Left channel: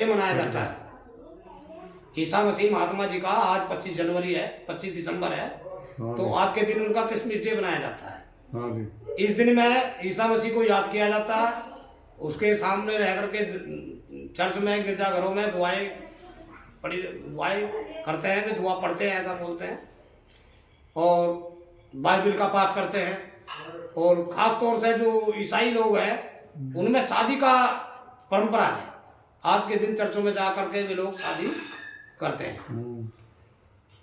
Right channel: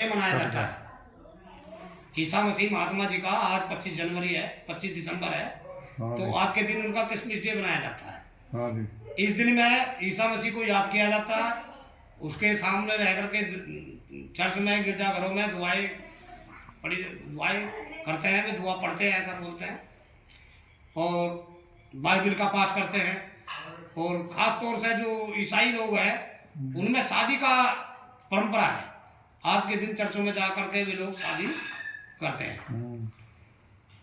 मनाया जाता है। ईसा मसीह महात्मा जी का आज 25 जनवरी है, 25 दिसंबर है, तो आज के दिन उनका क्रिसमस डे मनाया जाता है। इस दिन में ईसा मसीह को याद किया जाता है, उसके सामने रह करके चर्च में, गिरजाघरों में दुआएं करते हैं, दुआ पढ़ते हैं, ऐसा बोलते हैं, और बाइबिल का पाठ करते हैं। और ख़ास तौर से जो ईसाई लोग हैं उनमें शादी का परंपरा है। आज के दिन चर्चों में जा करके वे लोग शादी करते हैं।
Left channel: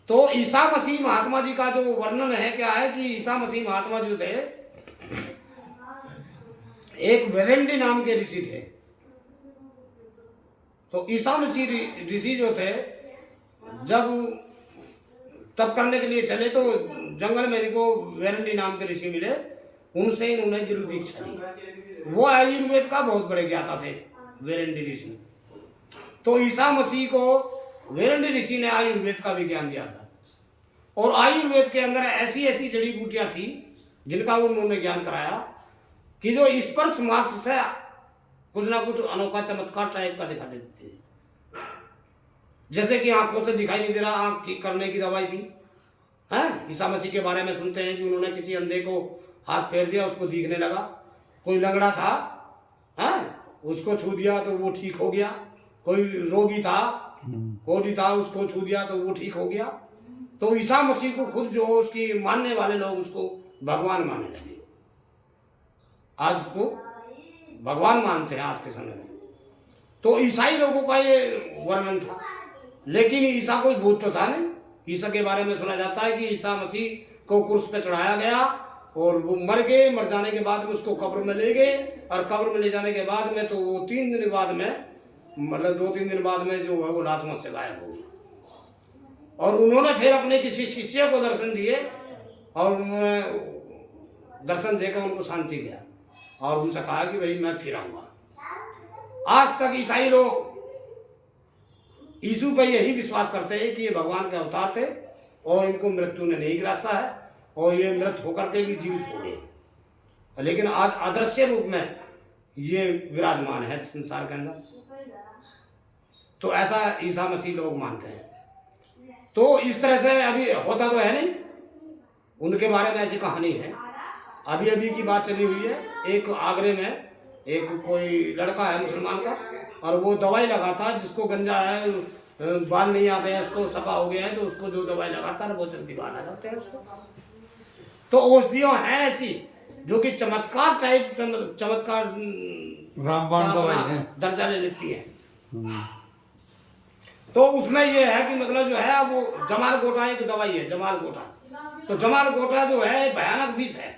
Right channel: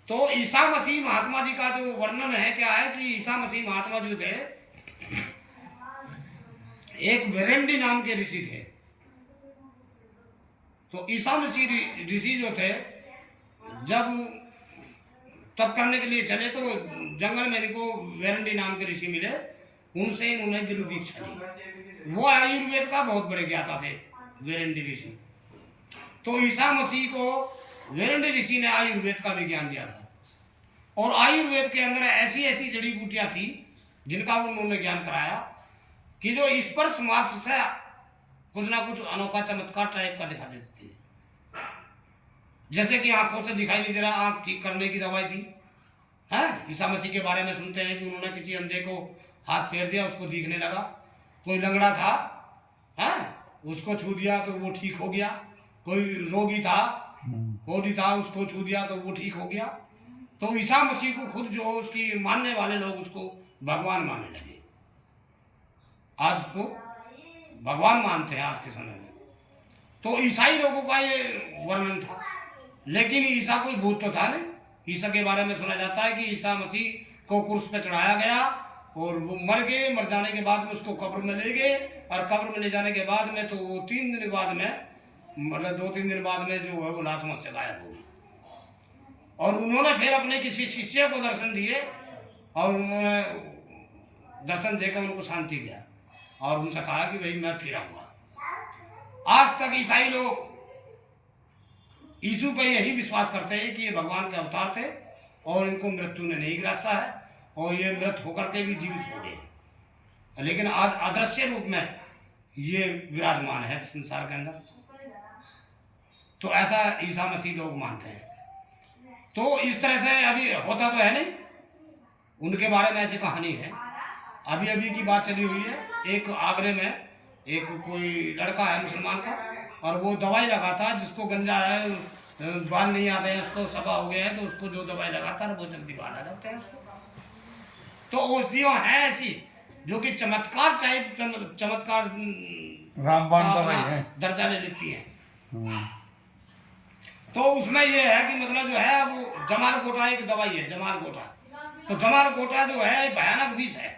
तो ईसा मसीह महात्मा जी का जो वर्णन है क्या है कि ईसा मसीह महात्मा जी थे, एक वेरेंडी नाम के ऋषि थे। तो ईसा मसीह ऋषि जो थे, जब तप करने के लिए चले तो जंगल में इनको वेरेंडी नाम के ऋषि मिले, उनसे इन्होंने गुरु दीक्षा ली। वो आयुर्वेद का बहुत बड़े ज्ञाता थे वेरेंडी ऋषि। तो ईसा मसीह को वेरेंडी ऋषि ने आयुर्वेद का विज्ञान दिया था, और आयुर्वेद के अंदर ऐसी ऐसी जड़ी बूटियां थी जिनका उन्होंने ज्ञान कराया कि जो स्पर्श मात्र से कुछ ना कुछ अनोखा चमत्कार टाइप का दिखा देती थी। जैसे कि आंखों से दिखाई नहीं दे रहा, आंख ठीक करने की दवाई थी। हैं, ईसा मसीह के बारे में सुनते हैं कि उन्होंने किसी अंधे को हाथ फेर दिया, उसको दिखने लगा। कोई लंगड़ा था, हैं, उसको छू दिया तो वो ठीक हो गया। कोई रोगी था, कोढ़ी था, उसको छू दिया तो वो ठीक हो गया। तो ईसा मसीह को खुद जो उसकी मानने वाले लोग उसको भगवान मानने लगे। आज उसको भगवान मानते हैं आज के समय में। तो ईसाई लोगों का ये वर्णन था, लेकिन ईसा कोई भूत तो था नहीं। ईसा के बारे में सुना जाता है कि ईसा मसीह को क्रूस पे चढ़ाया गया और वो मर गए। मर जाने के बाद में उसको कब्र में ले गए, और कब्र में ले जाने के बाद में तो वो 3 दिन बाद में, मतलब 2-3 दिन बाद में जो है वो लाश मत से गायब हो गई। और उन्होंने फिर अपने किसी शिष्य को दर्शन दिए, और उन्होंने दर्शन देकर उनको शांति दिया और उनसे कहा कि भाई मैं फिर आऊँगा। आज तक ईसाई लोग यीशु पे यही विश्वास करते हैं कि ये भगवान के अवतार थे और इनको मृत्यु ने नहीं ग्रासा है, और ये मृत होकर के भी जीवित हो गए, लेकिन आज अदृश्य रूप में ये विराजमान है संसार के अंदर। तो ऐसा ईसा मसीह लोग मानते हैं। तो इस तरह से अभी होता तो है नहीं, उनके बारे में ऐसी कहानी है। अभी अभी की बात चली हुई है, एक आगरे में एक कोई लड़का है मुसलमान का, और वो दवाई लगाता, जिसको गंजा है, बाल नहीं आते हैं, उसको सफा हो गया है, तो उसको जो दवाई लगाता है वो जल्दी बाल आ जाते हैं उसको। तो औषधियाँ हैं ऐसी जो कि चमत्कार टाइप, चमत्कार रामबाण दवाई है, दर्जा ले लेती है। तो उसमें ये है कि मतलब जो है वो जमाल गोटा एक दवाई है, जमाल गोटा। तो जमाल गोटा जो है भयानक विष है।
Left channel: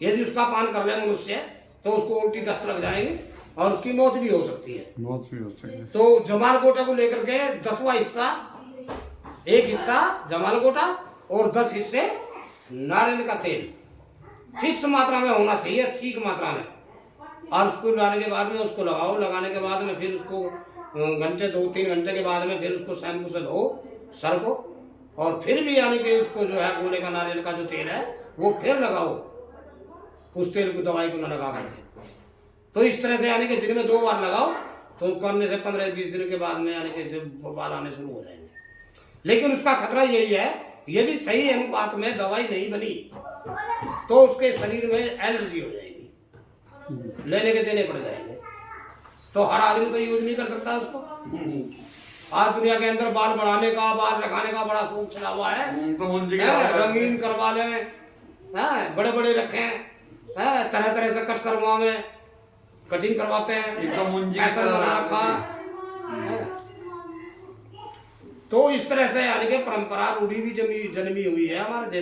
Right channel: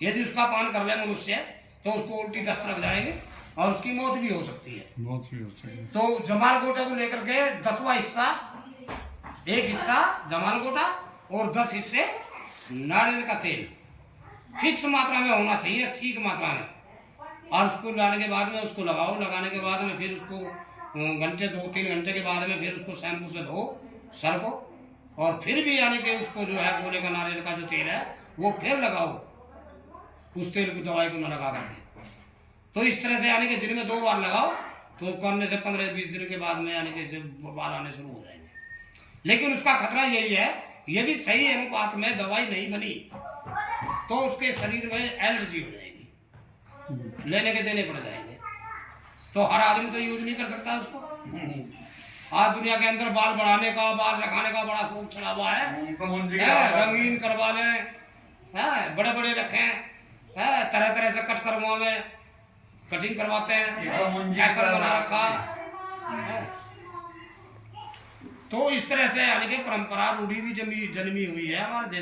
यदि उसका पान कर ले मनुष्य तो उसको उल्टी दस्त लग जाएगी और उसकी मौत भी हो सकती है। मौत भी हो सकती है। तो जमाल गोटा को लेकर के 10वां हिस्सा, एक हिस्सा जमाल गोटा और 10 हिस्से नारियल का तेल फिक्स मात्रा में होना चाहिए, ठीक मात्रा में। और उसको लगाने के बाद में उसको लगाओ, लगाने के बाद में फिर उसको घंटे 2-3 घंटे के बाद में फिर उसको शैम्पू से धो सर को, और फिर भी यानी कि उसको जो है गोले का नारियल का जो तेल है वो फिर लगाओ, उस तेल को, दवाई को न लगा करके। तो इस तरह से यानी कि दिन में 2 बार लगाओ, तो करने से 15-20 दिन के बाद में यानी कि इसे बाल आने शुरू हो जाएंगे। लेकिन उसका खतरा यही है, यदि सही अनुपात में दवाई नहीं बनी तो उसके शरीर में एलर्जी हो जाएगी, लेने के देने पड़ जाएंगे। तो हर आदमी तो यूज नहीं कर सकता उसको। आज दुनिया के अंदर बाल बढ़ाने का, बाल रखाने का बड़ा शौक चला हुआ है, रंगीन करवा लें, बड़े बड़े रखें, तरह तरह से कट करवावे, कटिंग करवाते हैं, ऐसा बना रखा है। तो इस तरह से यानी कि परंपरा रूढ़ी भी जन्मी हुई है हमारे देश।